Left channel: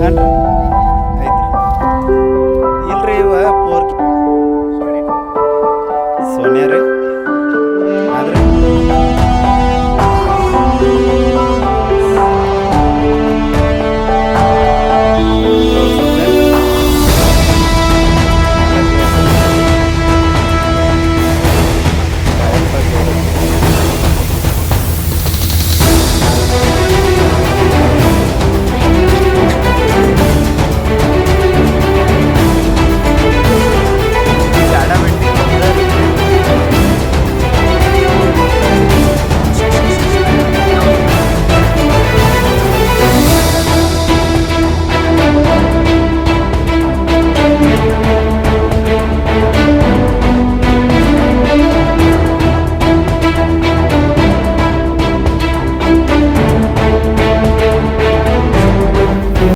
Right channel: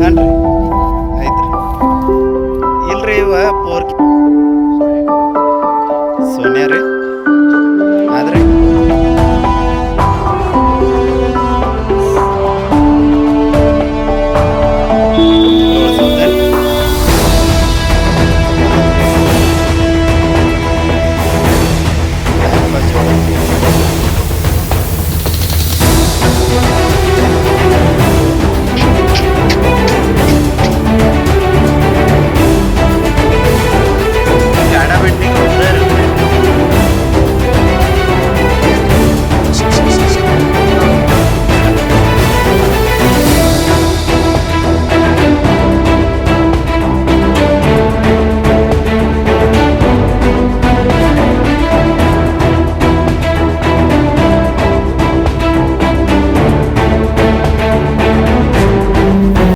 ಹಾಂ ರೀ ಐತ್ರಿ ಇಲ್ರಿ ಇವ ಪೋರ್ ಸೋನ್ಯಾ ರೀ ಆದ್ರೆ